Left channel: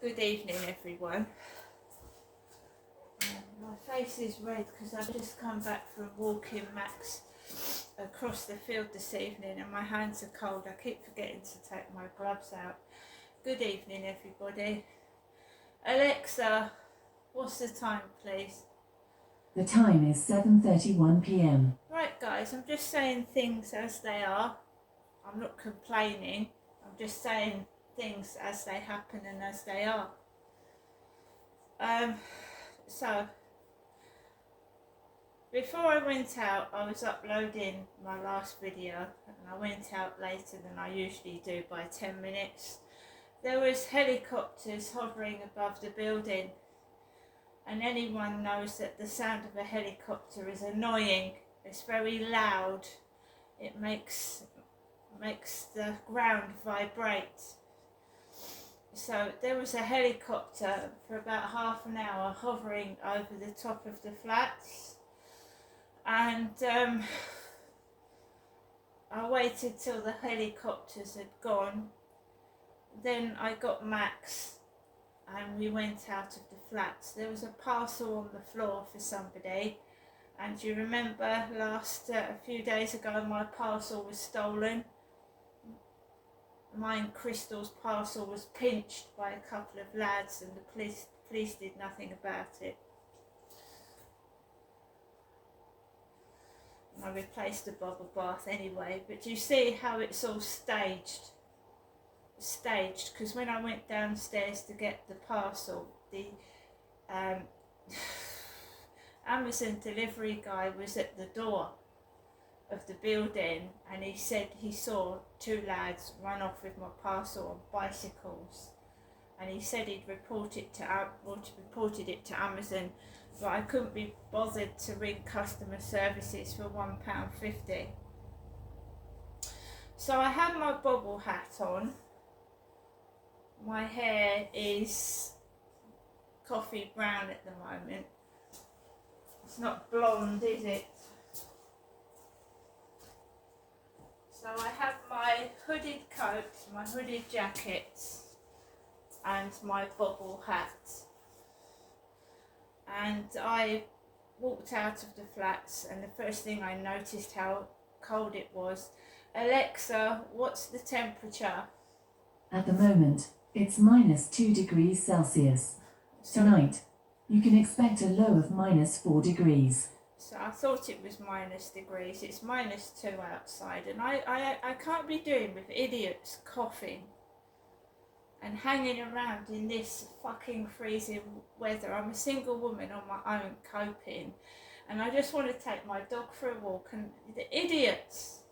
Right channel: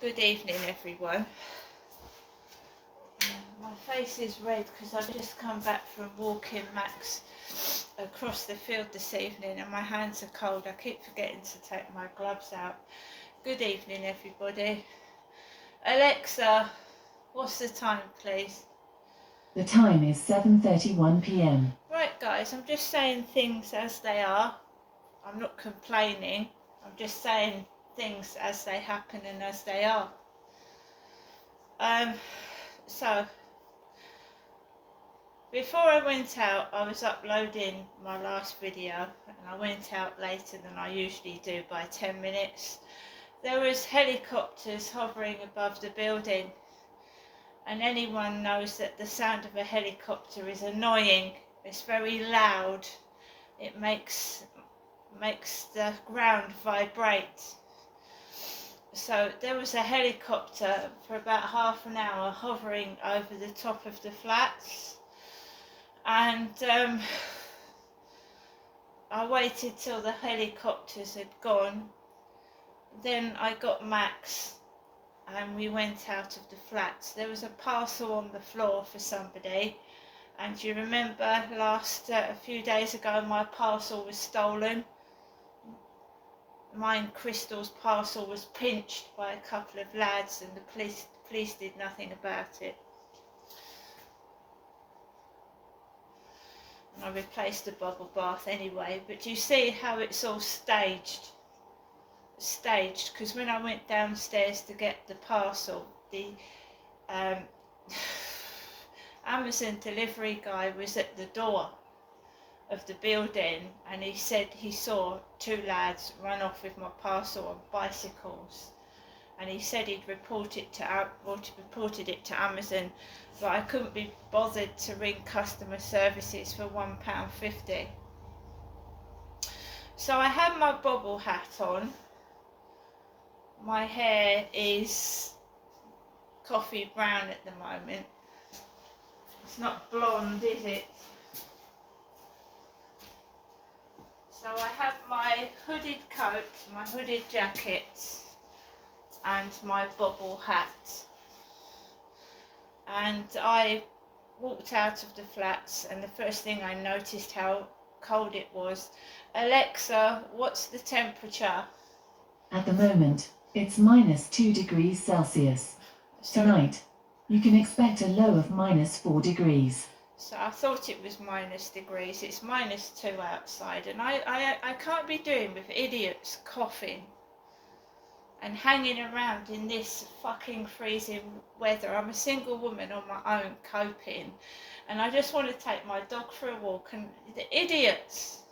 Good evening, everyone. My face is red because I've just come back from walking Max across the field this evening and my hands are cold. I keep forgetting to take my gloves out. Good evening, everybody. Alexa, what's the time, please? The time is 7:31 p.m. Right, guys, I'm just saying things as they are. I'm not complaining. I'm just saying things as they happen and as they are. So before I went out, I was uploading my last video and I went out later than I usually do by 10 minutes. There was helicopters hovering above the building, and anyone knows that the sound of a helicopter is annoying. It's very loud. It makes the ground vibrate. So there was a helicopter for about half an hour hovering over the top of the flats, and I waited till the helicopters had gone. Then I got Max and we went out of the flats. There was a parcel on the floor for somebody, and you remember a few days ago my parcel was stolen. Mine, Crystal's parcel, was pinched by a couple of lads and the police did nothing about it. And I replaced the bubble bath anyway, but you see how it's all staged, because when I went downstairs to get the parcel, the Amazon delivery guy was at the door of the building and he said he saw two lads run off with my parcel on bicycles, and he said he'd reported it to Amazon, but I couldn't be bothered to ring customer services for £1.50. So I had my bobble hat on. My hair is coffee brown at the moment. It's not blonde, is it? So I have my hooded coat, my hooded jacket and my bobble hat. And I walked out of the flats and the first thing I noticed how cold it was. Alexa, what's the temperature? At the moment, it's -2 degrees Celsius. Tonight, you can expect a low of -4 degrees. So I thought it was -degrees. It's -2 outside, and I can't be doing with idiots coughing and hanging around in this fucking freezing weather. I'm a single woman on my own coping, and I just want to take my dog for a walk, and the idiots.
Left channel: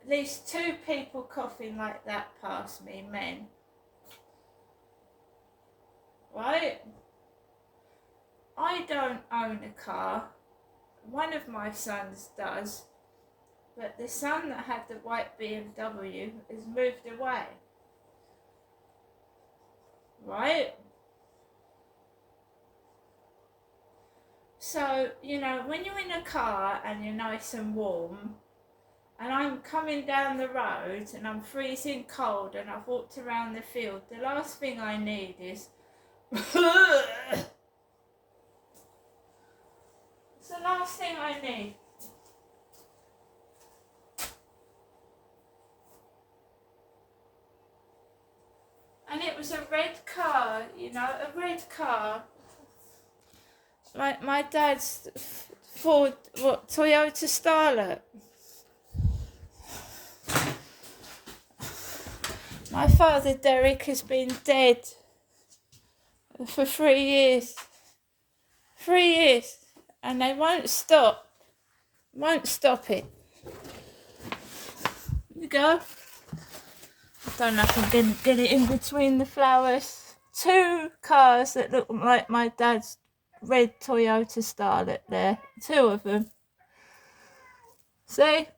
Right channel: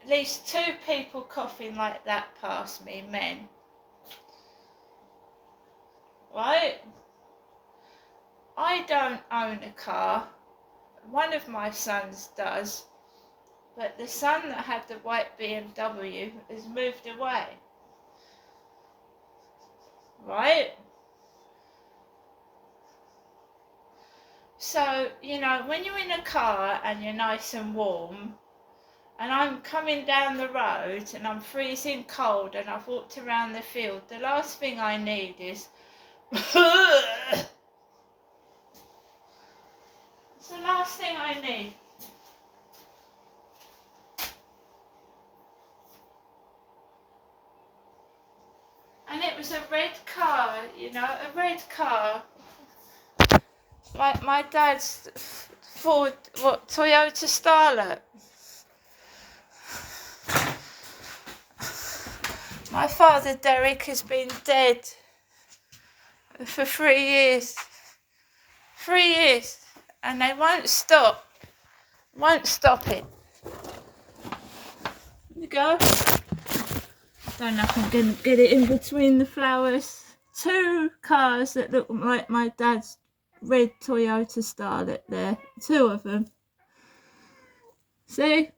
At least 2 people coughing like that past me, men. Right? I don't own a car. One of my sons does, but the son that had the white BMW has moved away. Right? So, you know, when you're in a car and you're nice and warm, and I'm coming down the road and I'm freezing cold and I've walked around the field, the last thing I need is it's the last thing I need. And it was a red car, you know, a red car. Like my dad's Toyota Starlet. My father, Derek, has been dead for 3 years. 3 years. And they won't stop it. There you go. Don't know if I didn't get it in between the flowers. 2 cars that look like my dad's red Toyota Starlet there. 2 of them. See?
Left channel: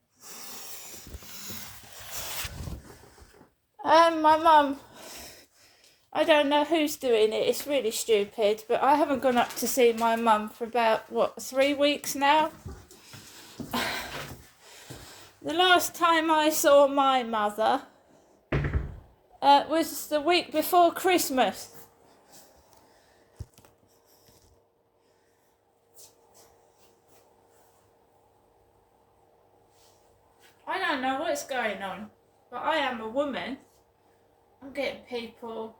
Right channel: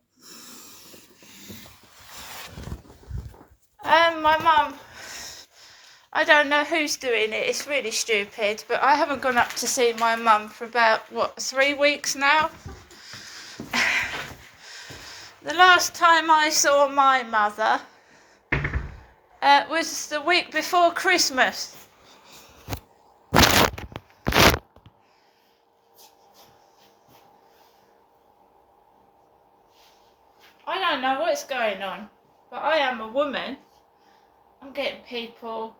My mum, I don't know who's doing it, it's really stupid, but I haven't gone up to see my mum for about, 3 weeks now? The last time I saw my mother, Was the week before Christmas. I don't know what's going on, but I am a woman. I'm getting people.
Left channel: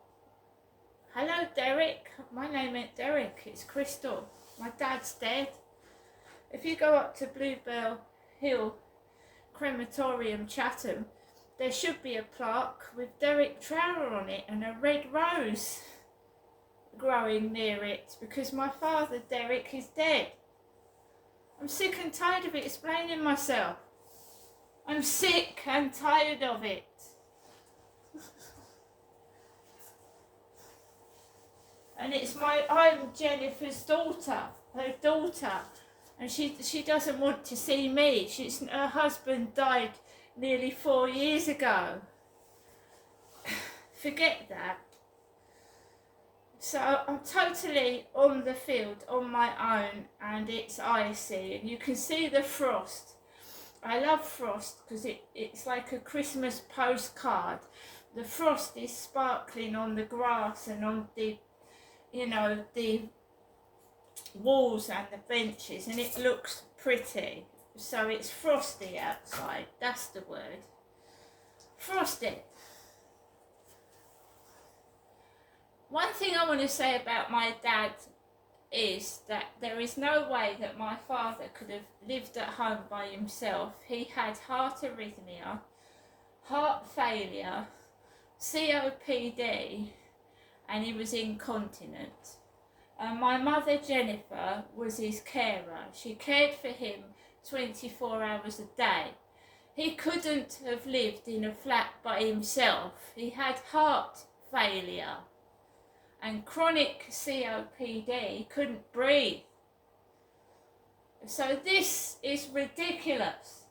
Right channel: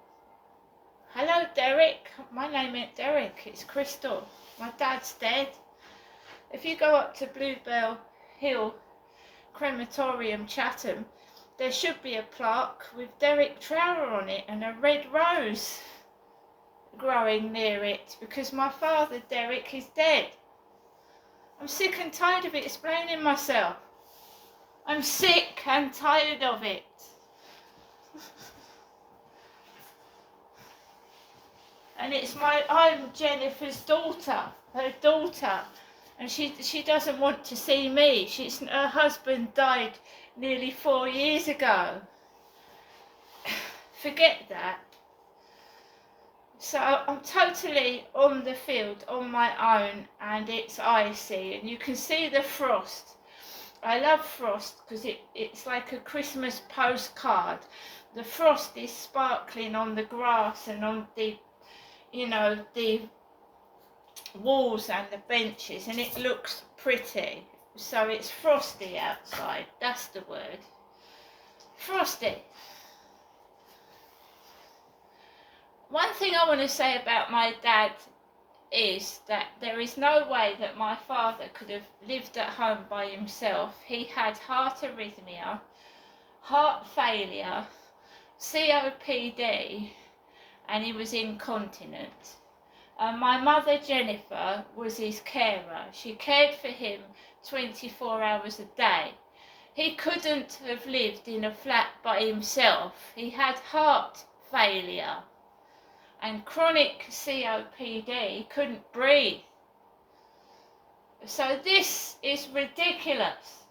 Hello, Derek. My name ain't Derek, it's Crystal. My dad's dead. If you go up to Bluebell Hill Crematorium, Chatham, there should be a plaque with Derek Trower on it and a red rose growing near it because my father, Derek, is dead. I'm sick and tired of explaining myself. I'm sick and tired of it. And I'm Jennifer's daughter, her daughter, and she doesn't want to see me. Her husband died nearly 4 years ago. Forget that. So I'm totally on the field on my own, and it's icy, and you can see the frost. I love frost because it's like a Christmas postcard. The frost is sparkling on the grass and on the walls and the benches, and it looks pretty. So it's frosty outside, that's the word. Frosty. One thing I want to say about my dad is that there is no way that my father could have lived at home by himself. He had heart arrhythmia, heart failure, COPD, and he was incontinent. And my mother, Jennifer, was his carer. She cared for him 24 hours a day. He couldn't have lived in a flat by himself. He had heart failure and chronic COPD. He couldn't breathe. So this is ridiculous.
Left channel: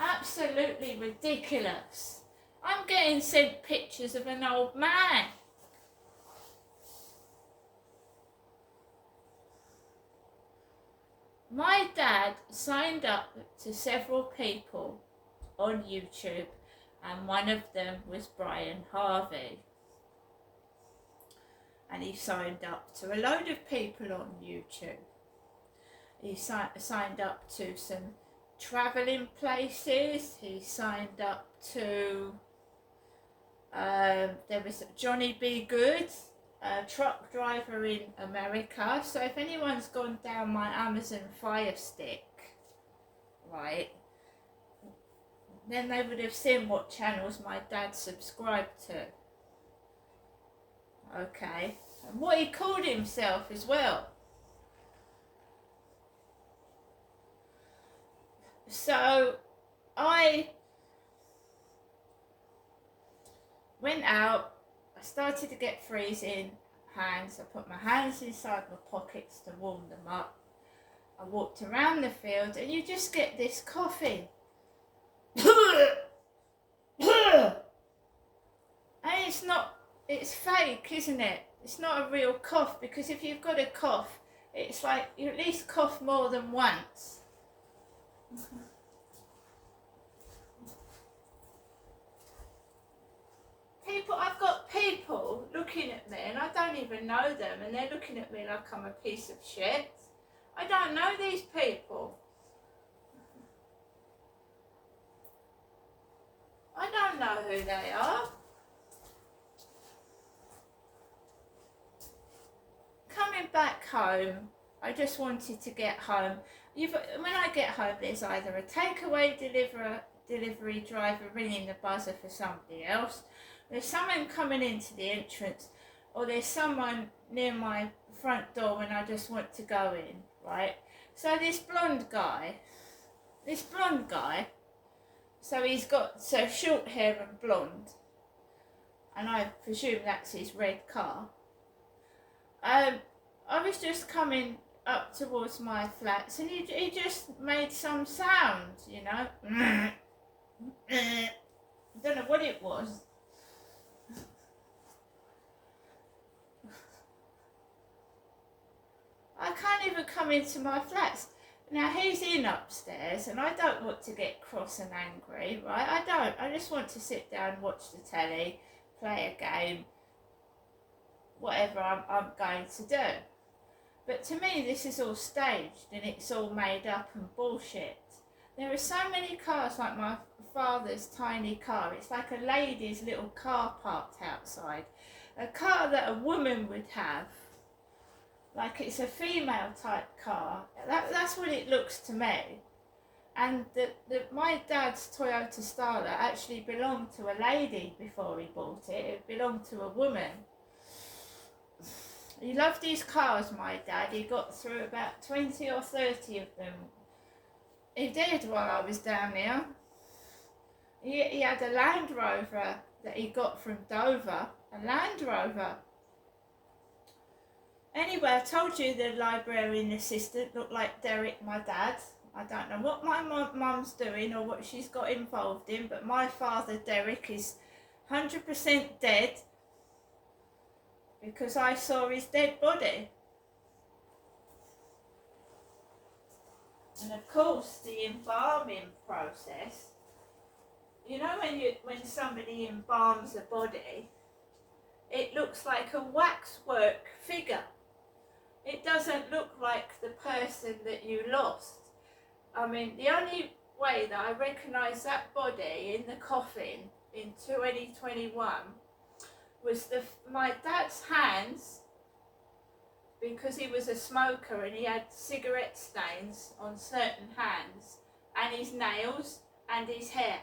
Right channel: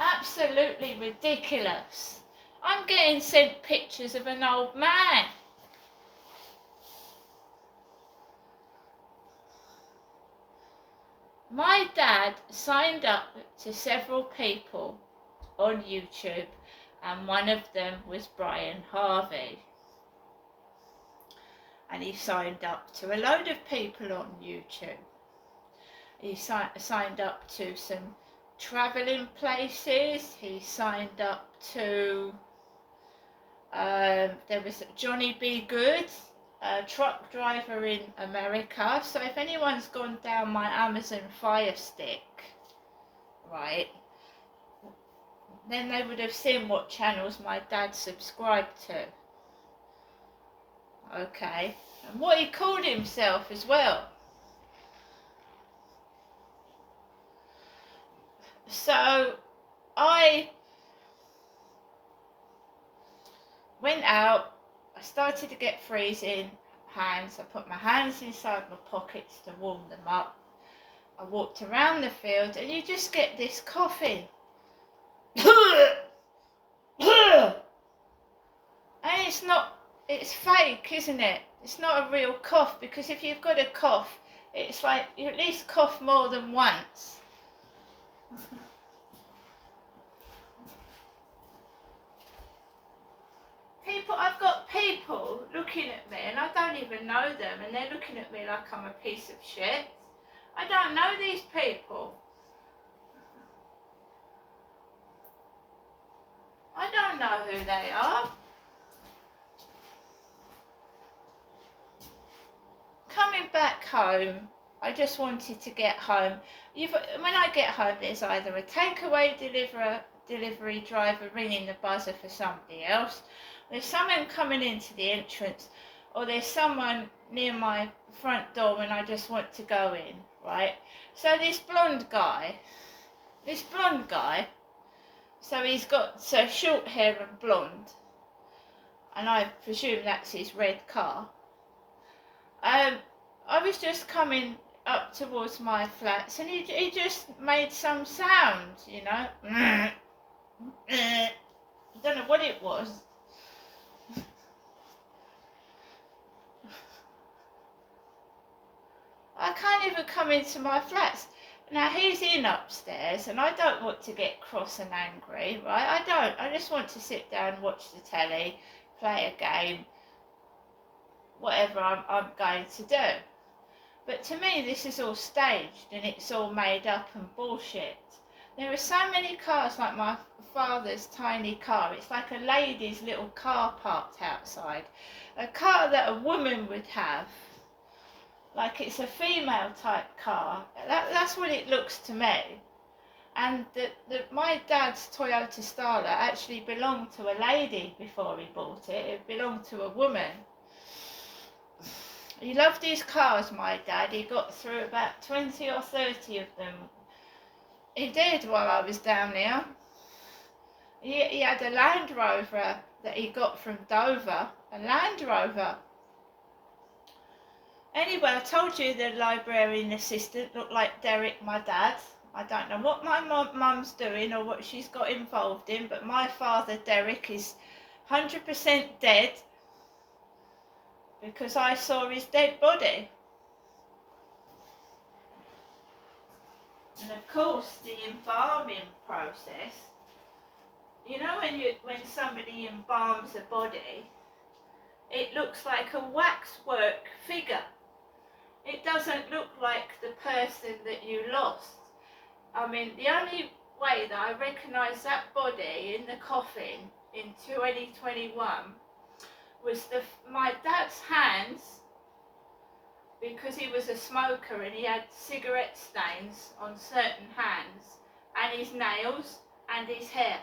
Absolutely ridiculous. I'm getting sent pictures of an old man. My dad signed up to several people on YouTube, and one of them was Brian Harvey. And he signed up to a load of people on YouTube. He signed up to some travelling places. He signed up to, there was Johnny B. Good, a truck driver in America. So if anyone's gone down my Amazon Fire Stick, right, then they would have seen what channels my dad subscribed to. Okay, and what he called himself as well. So I went out, I started to get freezing hands. I put my hands inside my pockets to warm them up. I walked around the field, and you just get this coughing. And it's fake, isn't it? It's not a real cough, because if you've got a cough, it's like you at least cough more than once. I've got people looking at me, and I don't even know them, and they're looking at me like I'm a piece of shit. I don't know these people. I don't know who they are. Coming back home, I just wanted to get home. When I get home, there's either a takeaway delivery driver ringing the buzzer for somebody else, there's someone coming into the entrance, or there's someone near my front door when I just want to go in, right? So this blonde guy, so he's got short hair and blonde, and I presume that's his red car. I was just coming up towards my flats, and he just made some sound, you know. I don't know what it was. I can't even come into my flats. Now he's in upstairs and I don't want to get cross and angry, right? I don't. I just want to sit down, watch the telly, play a game, whatever I'm going to do. But to me, this is all staged and it's all made up and bullshit. There are so many cars like my father's tiny car. It's like a lady's little car parked outside. A car that a woman would have. Like it's a female type car. That's what it looks to me. And my dad's Toyota Starlet actually belonged to a lady before he bought it. It belonged to a woman. He loved his cars, my dad. He got through about 20 or 30 of them. He did while I was down there. He had a Land Rover that he got from Dover. A Land Rover. Anyway, I told you the librarian assistant looked like Derek, my dad. I don't know what my mum's doing or what she's got involved in, but my father, Derek, is 100% dead because I saw his dead body. And of course, the embalming process, you know when somebody embalms a body, it looks like a waxwork figure. It doesn't look like the person that you lost. I mean, the only way that I recognise that body in the coffin in 2021 was my dad's hands, because he was a smoker and he had cigarette stains on certain hands, and his nails and his hair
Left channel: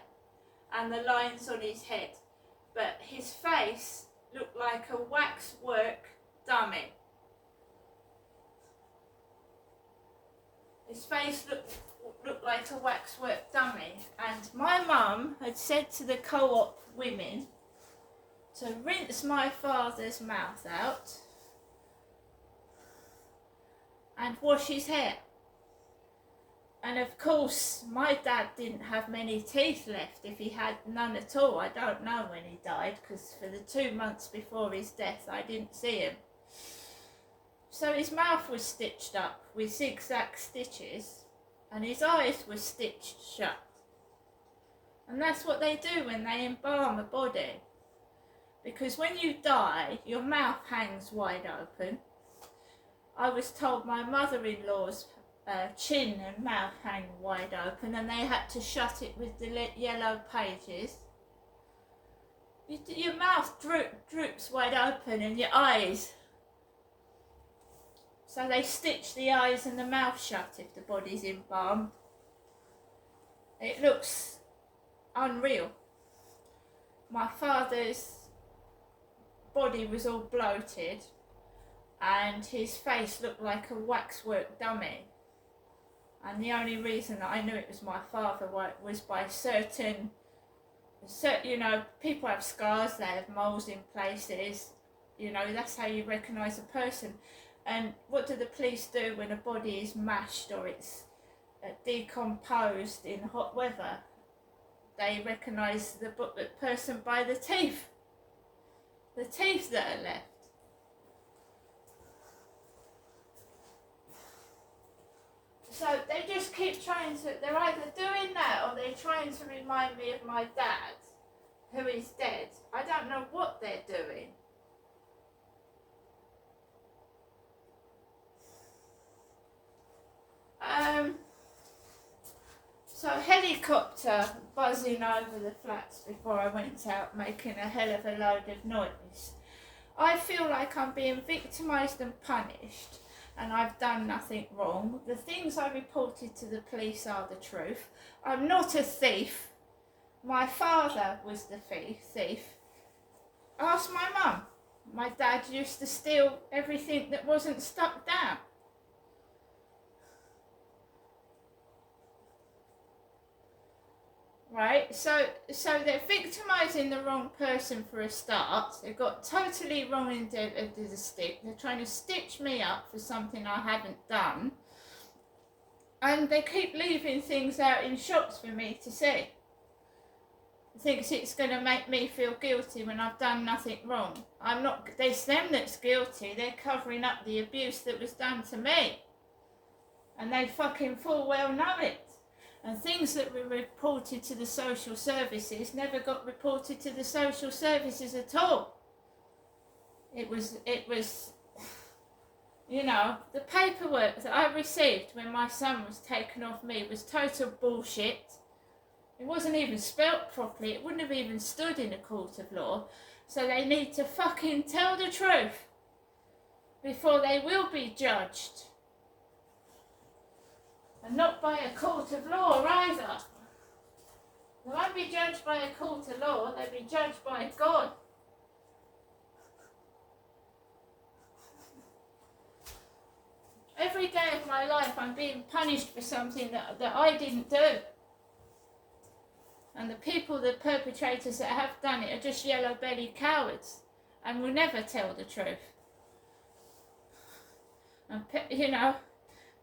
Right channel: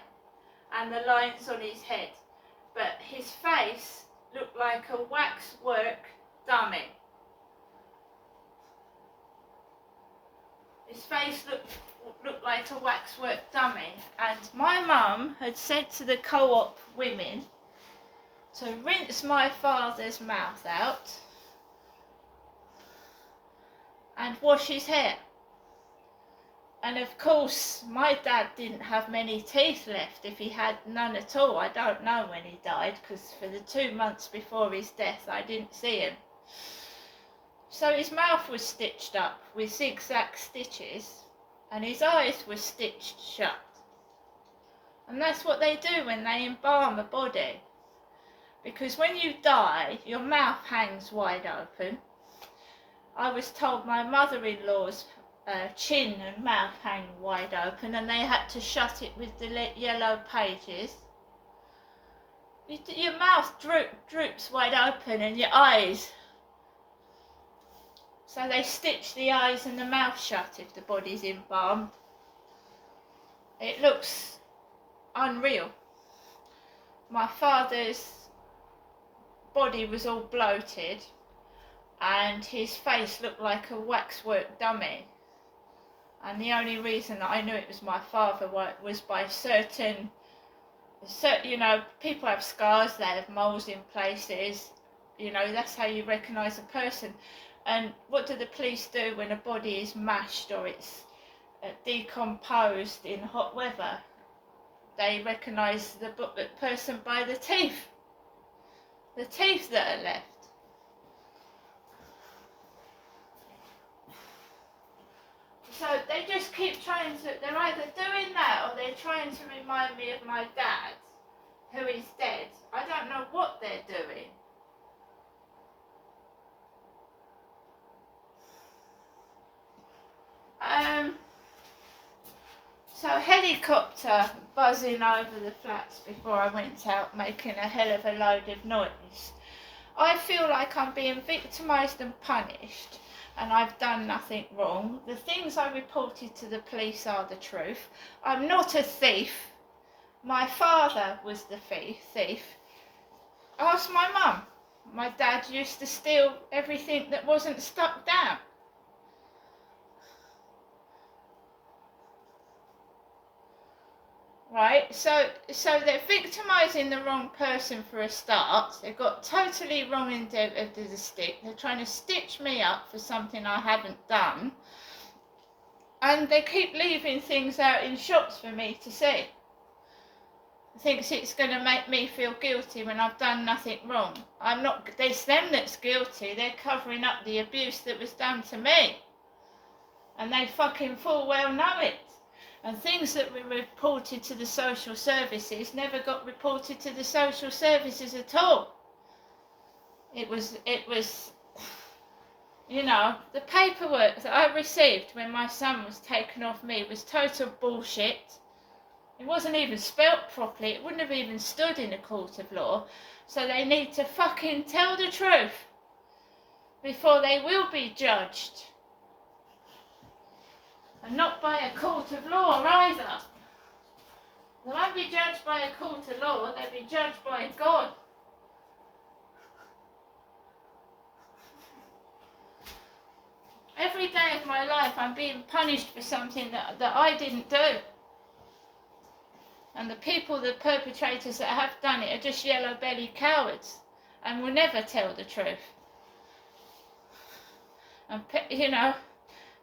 and the lines on his head. But his face looked like a waxwork dummy. His face looked like a waxwork dummy, and my mum had said to the co-op women to rinse my father's mouth out and wash his hair. And of course, my dad didn't have many teeth left, if he had none at all. I don't know when he died, because for the 2 months before his death, I didn't see him. So his mouth was stitched up with zigzag stitches, and his eyes were stitched shut. And that's what they do when they embalm a body. Because when you die, your mouth hangs wide open. I was told my mother-in-law's chin and mouth hang wide open, and they had to shut it with the yellow pages. Your mouth droops wide open, and your eyes. So they stitch the eyes and the mouth shut if the body's embalmed. It looks unreal. My father's body was all bloated and his face looked like a waxwork dummy. And the only reason that I knew it was my father was by certain, you know, people have scars, they have moles in places, you know, that's how you recognise a person. And what do the police do when a body is mashed or it's decomposed in hot weather? They recognise the person by the teeth that are left. So they just keep trying to, they're either doing that or they're trying to remind me of my dad, who is dead. I don't know what they're doing. So helicopter buzzing over the flats before I went out, making a hell of a load of noise. I feel like I'm being victimised and punished, and I've done nothing wrong. The things I reported to the police are the truth. I'm not a thief. My father was the thief. Ask my mum. My dad used to steal everything that wasn't stuck down. Right, so they're victimising the wrong person for a start. They've got totally wrong end of the stick. They're trying to stitch me up for something I haven't done. And they keep leaving things out in shops for me to see. Thinks it's going to make me feel guilty when I've done nothing wrong. I'm not. It's them that's guilty. They're covering up the abuse that was done to me. And they fucking full well know it. And things that were reported to the social services never got reported to the social services at all. It was, you know, the paperwork that I received when my son was taken off me was total bullshit. It wasn't even spelt properly. It wouldn't have even stood in a court of law. So they need to fucking tell the truth before they will be judged. And not by a court of law either. They won't be judged by a court of law, they'll be judged by God. Every day of my life I'm being punished for something that I didn't do. And the people, the perpetrators that have done it are just yellow-bellied cowards and will never tell the truth. And, you know,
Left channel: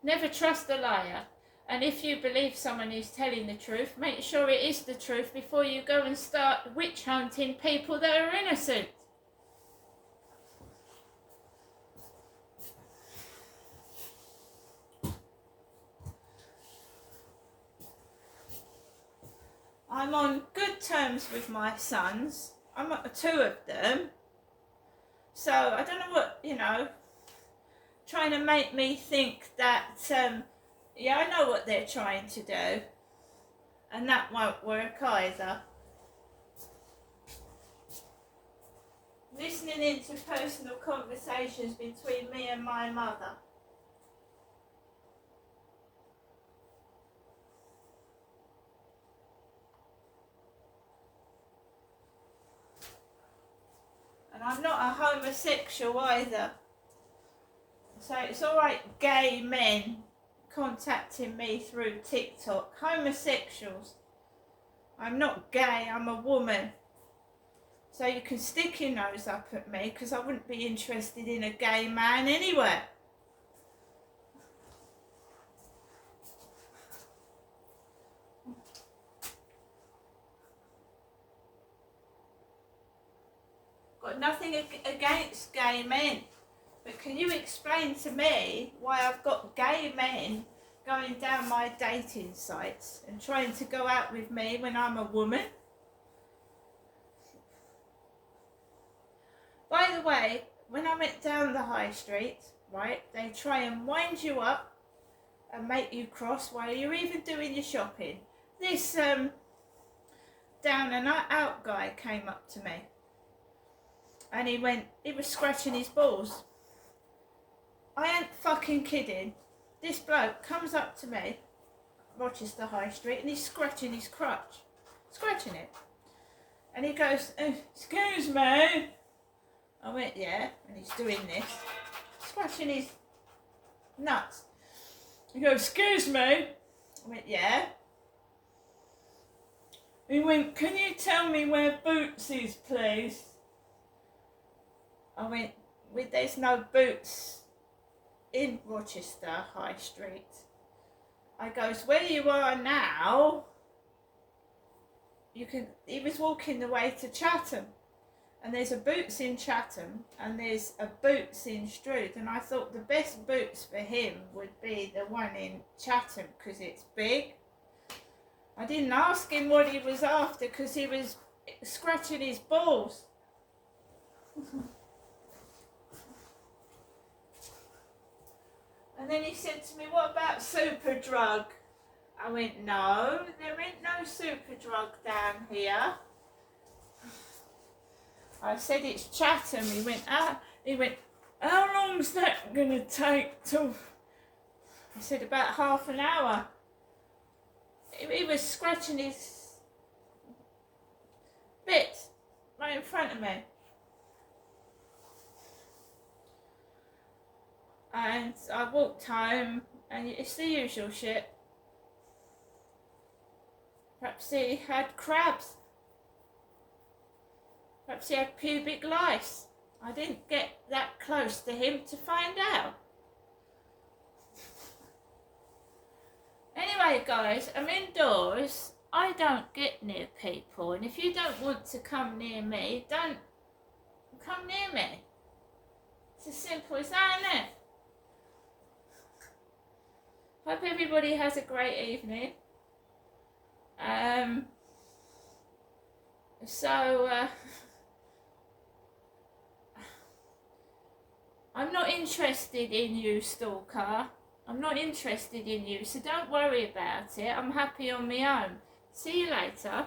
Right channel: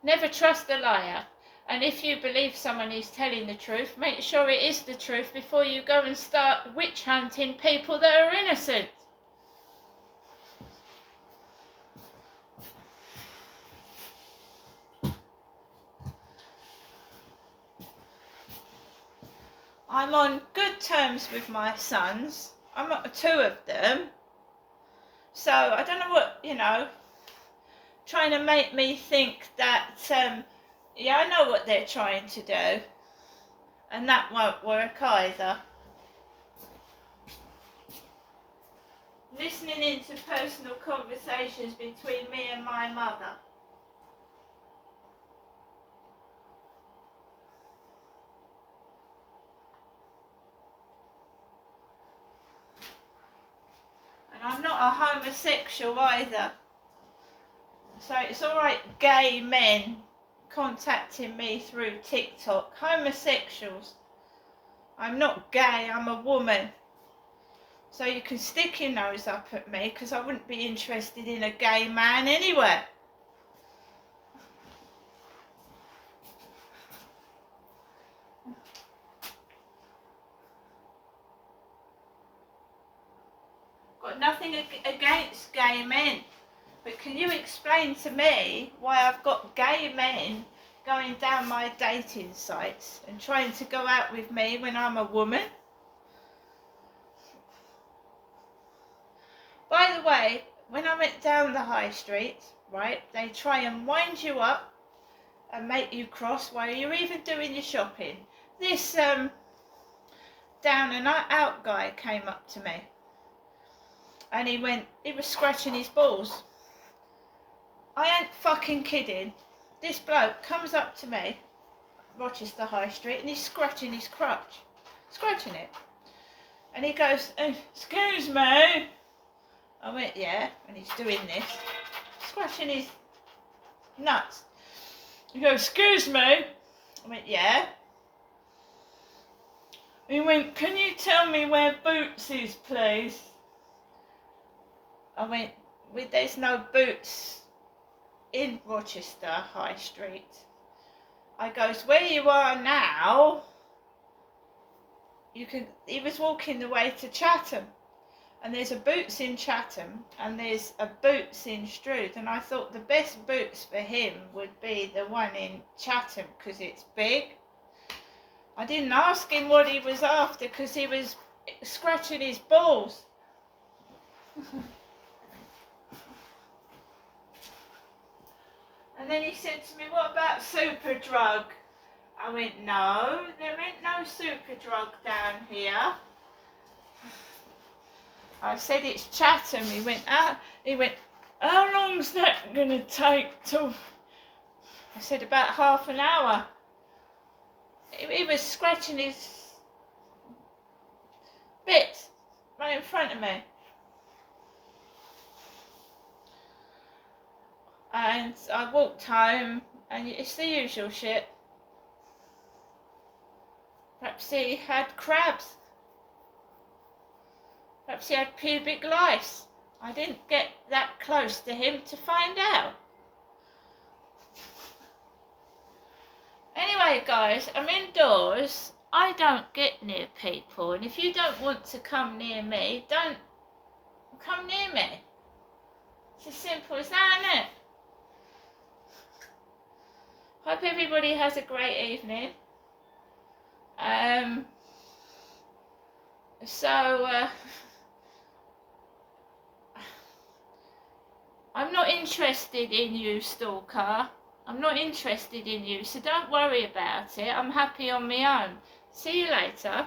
never trust a liar. And if you believe someone is telling the truth, make sure it is the truth before you go and start witch hunting people that are innocent. I'm on good terms with my sons. I'm at 2 of them. So I don't know what, you know, trying to make me think that, yeah, I know what they're trying to do. And that won't work either. Listening into personal conversations between me and my mother. And I'm not a homosexual either. So it's alright gay men contacting me through TikTok. Homosexuals. I'm not gay, I'm a woman. So you can stick your nose up at me because I wouldn't be interested in a gay man anyway. Got nothing against gay men. But can you explain to me why I've got gay men going down my dating sites and trying to go out with me when I'm a woman? By the way, when I went down the high street, right, they try and wind you up and make you cross while you're even doing your shopping. This down and out guy came up to me and he was scratching his balls. I ain't fucking kidding. This bloke comes up to me, Rochester High Street, and he's scratching his crotch. Scratching it. And he goes, excuse me. I went, yeah, and he's doing this. Scratching his nuts. He goes, excuse me. I went, yeah. He went, can you tell me where Boots is, please? I went, there's no Boots in Rochester High Street. I goes, where you are now, he was walking the way to Chatham. And there's a Boots in Chatham and there's a Boots in Stroud. And I thought the best Boots for him would be the one in Chatham because it's big. I didn't ask him what he was after because he was scratching his balls. And then he said to me, what about Superdrug? I went, no, there ain't no Superdrug down here. I said, it's Chatham. He went, how long's that going to take to... I said, about half an hour. He was scratching his bits right in front of me. And I walked home, and it's the usual shit. Perhaps he had crabs. Perhaps he had pubic lice. I didn't get that close to him to find out. Anyway, guys, I'm indoors. I don't get near people. And if you don't want to come near me, don't come near me. It's as simple as that, isn't it? Hope everybody has a great evening. I'm not interested in you, stalker. I'm not interested in you, so don't worry about it. I'm happy on my own. See you later.